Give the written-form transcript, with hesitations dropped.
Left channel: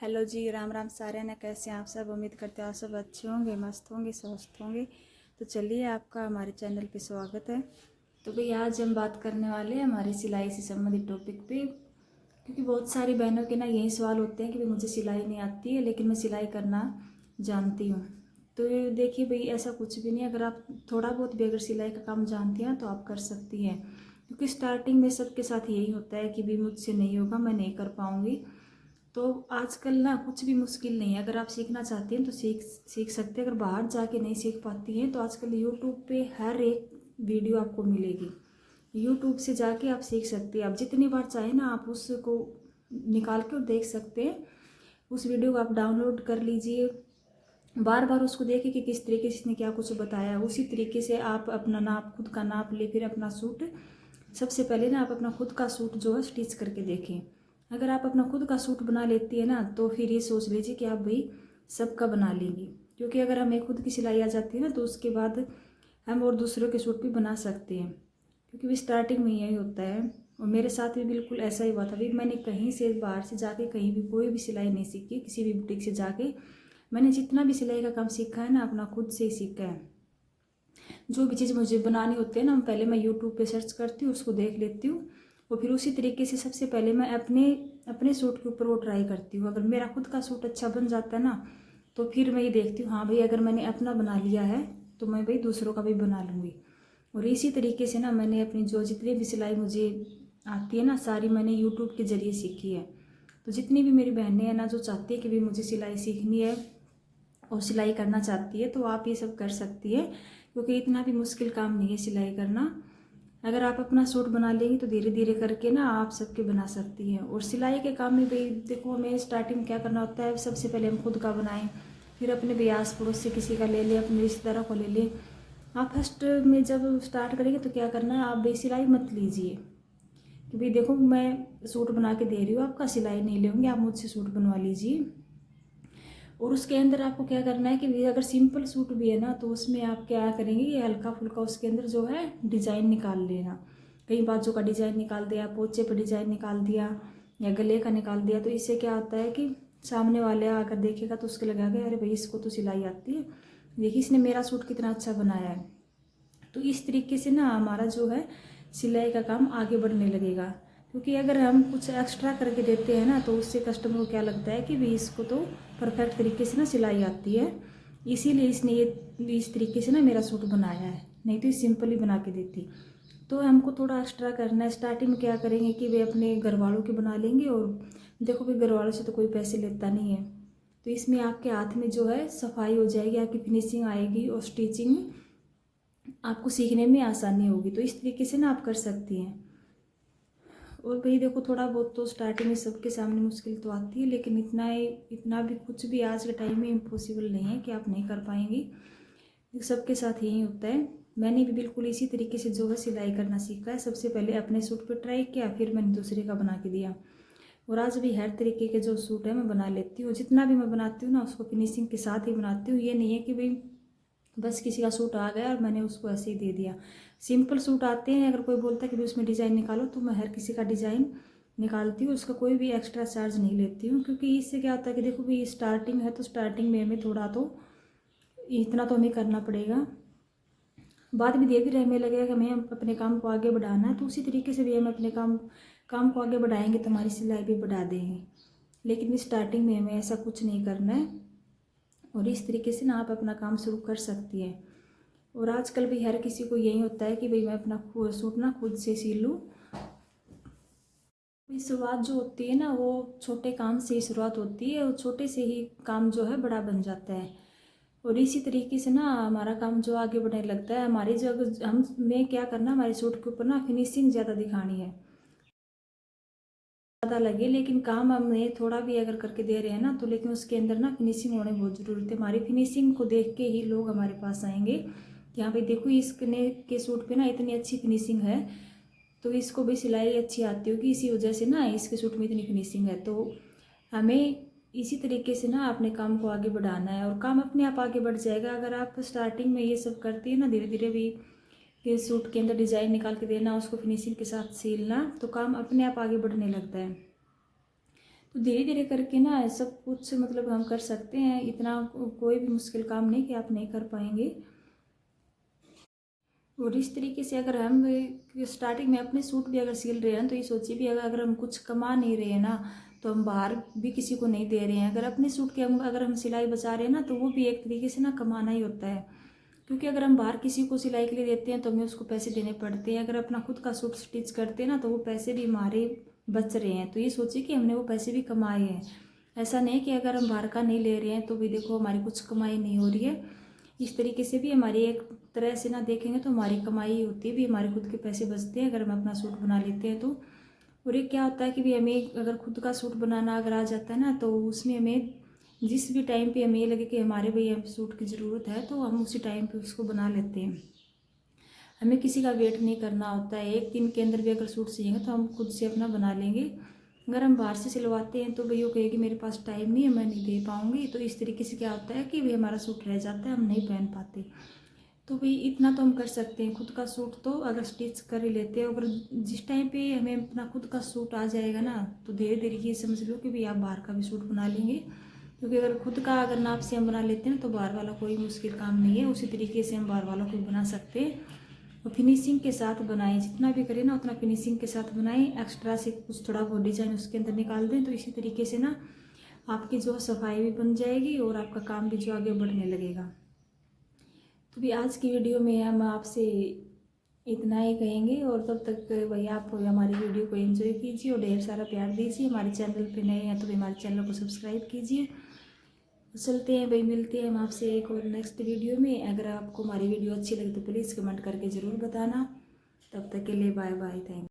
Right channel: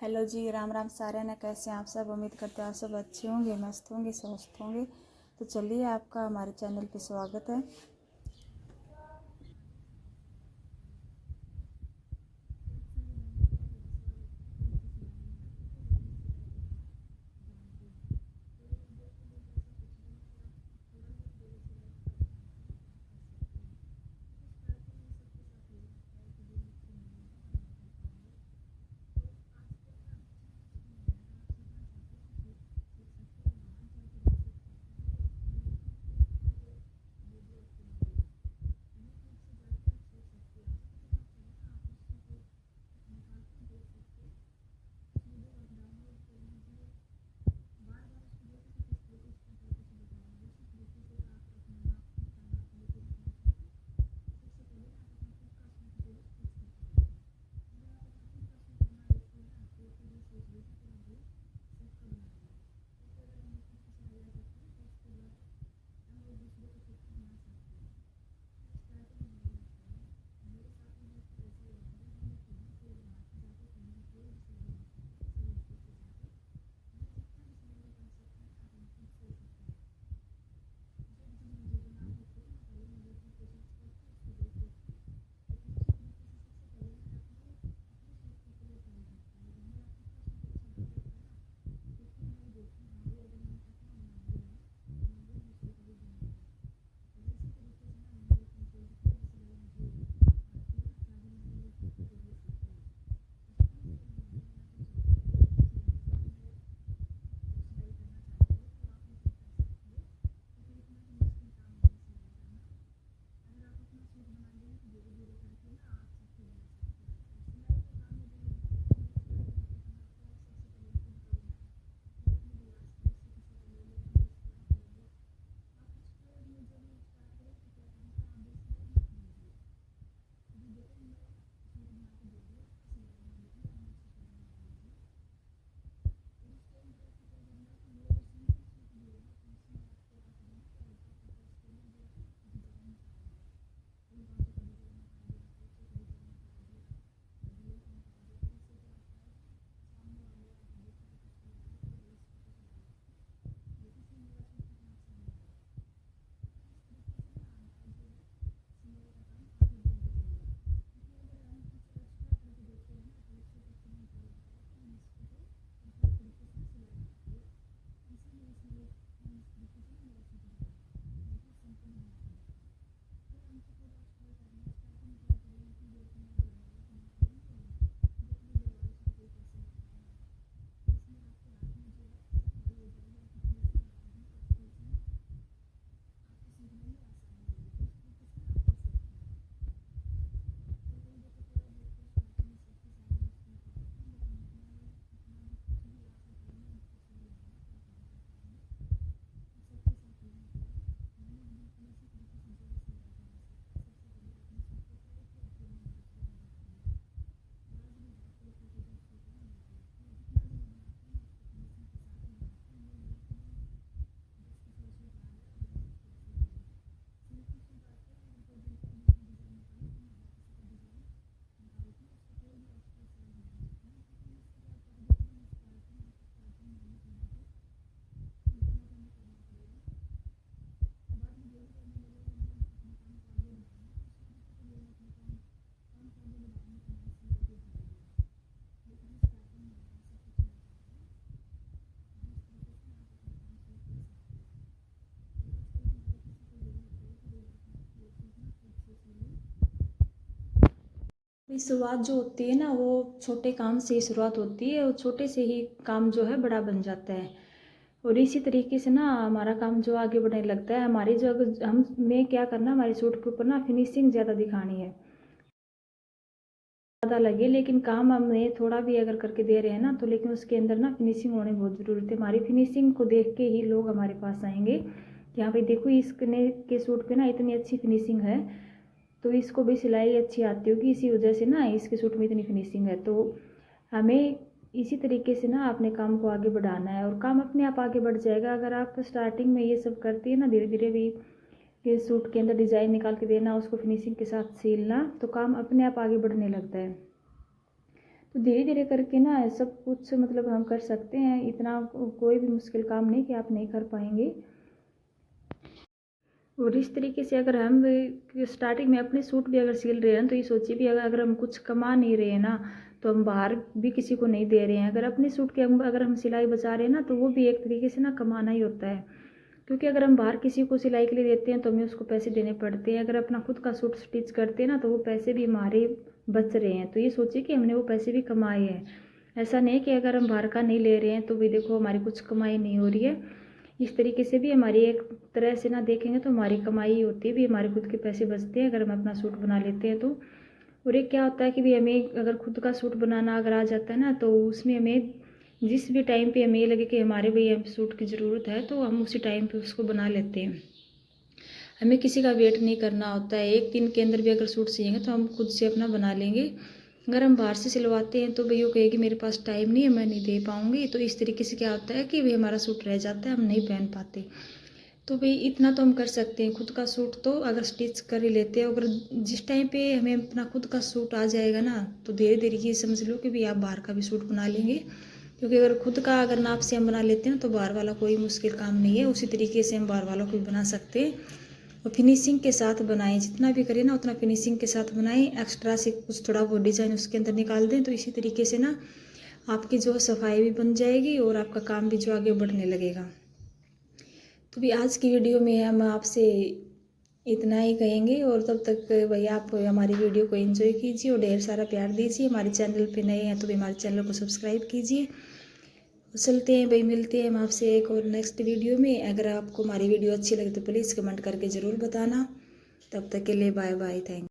Hello जी, राम राम सारे ना। कैसे हैं आप सब? उम्मीद करते हैं आप सब अच्छे होंगे, मस्त होंगे, स्वस्थ होंगे। तो चलिए, आपका हमारे चैनल पे स्वागत है। तो भाई आज हम बात करने वाले हैं हमारी सिलाई से संबंधित टॉपिक पे, क्योंकि बहुत सारी बहनों के ना यही सवाल होते हैं कि भाई मुझे सिलाई नहीं आती है लेकिन मैं सिलाई करना जानती हूँ। तो देखिए भाई, ऐसा कुछ भी नहीं है। अगर आप थोड़ा बहुत भी अगर सिलाई का काम जानती हैं तो आप कर सकती हैं, क्योंकि स्टार्टिंग में सबके साथ यही होता है कि भाई मुझसे नहीं होगा, मैं नहीं कर पाऊँगी। तो आजकल ना कुछ भी मुश्किल नहीं है। अगर आप सीखना चाहती हैं तो सीख सीख सकते हैं। अगर बाहर जाके नहीं सीख पाती हैं तो आजकल यूट्यूब पे हर एक वीडियो आपको मिलेगी। यूट्यूब से जाके आप सीख सकते हैं। आप जितनी बार चाहें ना आप उसको निकाल के और देख सकते हैं। उस वीडियो को आप डाउनलोड कर लीजिए, बार बार उसको देखिए कि किस तरीके से इसने क्या कुछ बताया है। उसी तरीके से आप अपना नाप, खुद का नाप ले, फिर अपना सूट सबसे पहले ना आप अपना खुद का सूट जो है स्टिच करके देखें। अगर आप अपना खुद का सूट बना लेती है ना तो फिर ये सोच लीजिए कि आप भाई सबका बना लेंगी। क्योंकि अगर हमें खुद की सिलाई आ जाती है ना तो उसके बाद हम और दूसरों के सूट भी बना सकते हैं। क्योंकि भी स्टार्टिंग में यही होता है, और मेरे साथ भी बिल्कुल ऐसा ही हुआ था। भाई मैंने कहीं से बाहर से जाके कहीं भी कोई भी सिलाई नहीं सीखी, किसी भी बुटीक से जाके मैंने जितना भी सिलाई का काम सीखा है ना अपना खुद से ही सीखा है। जो भी चीज़ मुझे बनानी होती है ना पहले मैं यूट्यूब पे सर्च करती हूँ, उसको देख लेती हूँ, और फिर उसी तरीके से सबसे पहले मैं अपने अपने सूट के ऊपर वो ट्राई करती हूँ। अगर मेरा खुद का सूट अच्छा बन जाता है ना तो फिर मैं ये देखती हूँ, हाँ भाई अगर मैंने अपना बना लिया है तो मैं भाई दूसरों का भी बना लूँगी। और इसी तरीके से ना मैंने अपनी जो जितनी भी सिलाई मुझे आती है ना सारी मैंने यूट्यूब के ज़रिए सीखी है। तो जितनी भी मेरी बहनें हैं ना जो चाहती है कि भाई मुझे सिलाई सीखनी है और सिलाई करना चाहती है तो आप ये सब कर सकती है, क्योंकि इतना भी मुश्किल काम नहीं है सिलाई करना। अगर आप अपना सूट बना लेंगी तो धीरे धीरे करके ना आप सबके बना सकती हैं। और सिलाई के काम में भाई देखो, हमें स्टार्टिंग क्या करना होता है, सबसे पहले हम खुद का बनाएं, फिर अपने भी आस पड़ोस से किसी का ले लें, अपने रिश्तेदारों को ले लें। आप फर्स्ट में जब स्टार्ट करेंगे तो क्या करना है, आप भाई सिलाई मत लीजिए कि भाई देखो मैं सूट बना के दे रही हूँ, आपका सिलाई नहीं लूँगी, आप मुझसे सूट बनवा लीजिए। और उसके अंदर आपको क्या करना है कि अगर सिंपल सूट भी है ना तो उसमें आप क्या करेंगे, ये हल्का फुल्का उसके अंदर जो है डिज़ाइन निकाल लेना। कहीं बाजू का डिज़ाइन निकाल दिया, पोचे पर डिज़ाइन निकाल दिया, या गले का निकाल दिया। तो इससे क्या होता है कि सामने वाले आकर देखेगा तो उसके लगेगा अरे भाई इसको तो सिलाई आती है, देखिए इसने मेरा सूट कितना अच्छा बनाया है। तो इस तरीके से ना हमारा जो है सिलाई का काम आगे बढ़ने लगेगा। क्योंकि अगर हम कुछ एक्स्ट्रा करके देते हैं ना तो उससे कस्टमर को क्या लगता है कि भाई इसको तो परफेक्ट तरीके से ना सिलाई आती है, इसीलिए इसने ये इस तरीके से ना मेरा सूट बनाया है, नहीं तो ये सिंपल ही बना के देती। तो हमको थोड़ा एक्स्ट्रा करना है। स्टार्टिंग में क्या करेंगे कि वे अपने घर वालों के बना लेंगे, और देखो भाई घर वालों से तो कोई पैसे लेता नहीं है। तो इसमें आपके हाथ में जो है सफाई हो जाएगी, आपकी फिनिशिंग आएगी और स्टिचिंग आपको सीखने में आसानी होगी। तो इस तरीके से ना आप कर सकती हैं। और भाई देखो थोड़ा बहुत तो स्टार्टिंग में सबके सामने मुश्किल तो आती है, लेकिन इतना भी कुछ भी आज के टाइम में इम्पॉसिबल नहीं है कि आप नहीं कर पाएंगी। सबके साथ यही होता है। मैंने भी बिल्कुल इसी तरीके से जो है सिलाई करना सीखा है। सबसे पहले अपने सूट पर ट्राई किया, फिर मैंने दूसरे का बना के दिया। और आज भी हर तरीके के जो सूट है मैं बना लेती हूँ। जितना भी मैं बनाती हूँ ना उसको फिनिशिंग के साथ ही बनाती हूँ। ये नहीं है कि भाई बस किसी का सूट आ गया और मैंने उसको ऐसे ही दे दिया। सिंपल सूट आते हैं, अगर कोई बोलता है कि भाई उसमें डिज़ाइन निकालो तो मैं हर किसी का डिज़ाइन निकालती हूँ, उसका कोई भी एक्स्ट्रा चार्ज नहीं लेती हूँ। क्योंकि इससे क्या होता है कि देखो भाई स्टार्टिंग है तो स्टार्टिंग में हमें थोड़ा तो इतना तो हमें करना पड़ेगा। बाद में धीरे धीरे हमें लगेगा कि हमें अपने काम को आगे बढ़ाना है, तो उसी तरीके से भी हम अपने काम को आगे बढ़ाएंगे तो हमारी सिलाई भी बढ़ा देंगे। लेकिन स्टार्टिंग में हमें ऐसा कुछ नहीं करना है। और इस तरीके से ना आप अपना काम शुरू कर सकती हैं। और आजकल भी हर किसी को यही होता है कि भाई मैं अपना सूट ना खुद से सिल लूँ। शुरुआत जो होती है ना वो छोटे काम से ही शुरुआत होती है, और छोटे से ही काम जो है बड़ा बन जाता है। और इसी तरीके से ना हमारा काम जो आगे बढ़ने लगता है। हमारी जो हमें क्या करना, हमारे सूट के ऊपर ना फिनिशिंग ज़्यादा दिखानी है, ज़्यादा लगे, लेकिन काम हमें थोड़ा भी अगर करके दे रहे हैं ना तो लेकिन उसके अंदर ना फिनिशिंग होने बहुत ज़रूरी है। हमारी फिनिशिंग को देख के ही लोग हमारे पास आएंगे कि हाँ भाई देखो इसने के सूट पे ना इतनी अच्छी फिनिशिंग है, तो इसको भी सिलाई अच्छी आती होगी, इसी वजह से ना इसके सूट में इतनी फिनिशिंग है। तो हमें इसी तरीके से ना अपने काम को आगे बढ़ाना है, और काम अपने आप आगे बढ़ जाएगा। अगर आप स्टार्टिंग में ये सब करती है ना, धीरे धीरे भी कि सूट के अंदर डिज़ाइन निकाल के देना, उसको फिनिशिंग के साथ सिलना, तो काम अपने आप आगे बढ़ने लगता है। तो धीरे धीरे करके ना सब कुछ मतलब हम कर सकते हैं। इतना कोई भी मुश्किल काम नहीं कि आप नहीं कर पाएंगे। और इस तरीके से अगर हम स्टार्टिंग में अपने सूट भी अगर सिल रहे हैं तो ये सोचिए भी अगर हम कुछ कमा नहीं रहे हैं ना, तो हम बाहर भी किसी को नहीं दे रहे हैं। अगर अपने सूट के अगर हम सिलाई बचा रहे हैं ना, तो वो भी एक तरीके से ना कमाना ही होता है। क्योंकि अगर हम बाहर किसी को सिलाई के लिए देते हैं तो हमें उसको पैसे देने पड़ते हैं। अगर अपना खुद का सूट स्टिच करते हैं ना, तो वो पैसे भी हमारे बच रहे हैं। तो ये सोचिए कि हमने वो पैसे भी कमाए हैं। ऐसा नहीं कि अगर हम बाहर का नहीं ले रहे हैं तो भी देखो हमारी कुछ कमाई नहीं हो रही है। इस तरीके से भी हमारी एक तरह से ना देखेंगे तो हमारी कमाई होती है, भी हमारे खुद के पैसे बचते हैं अगर हम अपना सूट बना लेते हैं तो। और एक क्या होता है कि भी हमें अगर खुद का सूट बनाना अगर आ जाता है ना, तो उसमें हमें जिस भी टाइम पे हमें ये लगे कि हमारे भाई हम सूट की ज़रूरत है तो हम उसी टाइम पे उसको बना लेते हैं। हमें किसी का वेट नहीं करना होता है। एक दिन के अंदर भी अगर सूट सिएंगे तो हम खुद से अपना बना लेंगे। अगर हम बाहर से सिलवाते हैं तो भाई वो कहेगी मेरे पास टाइम नहीं है, मैं नहीं दे पाऊँगी। तो इस तरीके से क्या होता है कि भाई हमारा सूट रह जाता है, हम नहीं पहन पाते। तो भाई इतना तो हम कर सकते हैं। खुद का सूट तो अगर स्टिच कर ही लेते हैं, अगर जिस टाइम पे हमें अपना खुद का सूट आ जाएगा ना, तो धीरे धीरे ये समझ लो कि भाई आप बाहर का भी सूट बना लेंगे। क्योंकि अगर खुद का अगर नाप से हम बना लेते हैं ना, तो बाहर वाला कोई मुश्किल काम नहीं है। उसी तरीके से हम बाहर वालों को बना सकते हैं। और फिनिशिंग के साथ बनाएं, जितना भी करें ना उतना फिनिशिंग के साथ बनाएं। एक्स्ट्रा से कुछ थोड़ा बहुत डिज़ाइन उसके अंदर निकाल दें, तो इसी तरीके से ना आपकी जो सफाई भी बन जाएगी और आपका काम भी जो आगे बढ़ने लगेगा। तो भी आज की वीडियो में हम आपसे इतना ही कहेंगे। और तब तक भाई आप हमारी वीडियो को एंजॉय कीजिए और ढेर सारा प्यार दीजिए। हमारे चैनल पे नए हैं तो भी हमारे चैनल को सब्सक्राइब कीजिए। चलते हैं भाई, मिलते हैं हम आपसे एक और नेक्स्ट वीडियो में। अगर आपको हमारी वीडियो अच्छी लगे तो प्लीज़ कमेंट करके ज़रूर बताना। तब तक के लिए बाय बाय, थैंक